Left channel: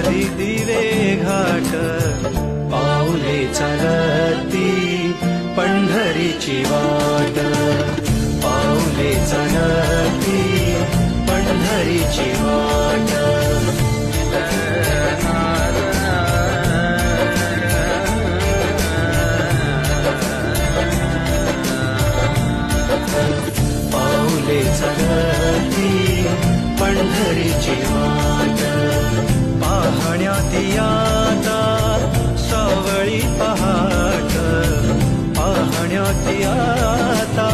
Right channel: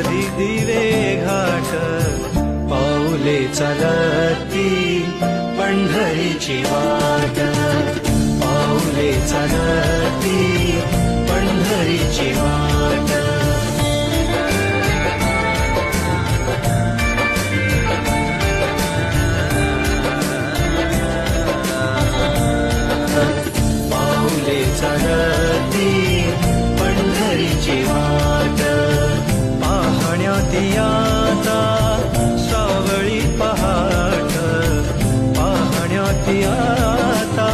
करी दिवे घाट, पाऊले चलती पंढरीची वाट, पाऊले चलती पंढरीची वाट. पाऊले चलती पंढरीची वाट, पाहण्यात आता सावळी पहाट, पाहण्यात आता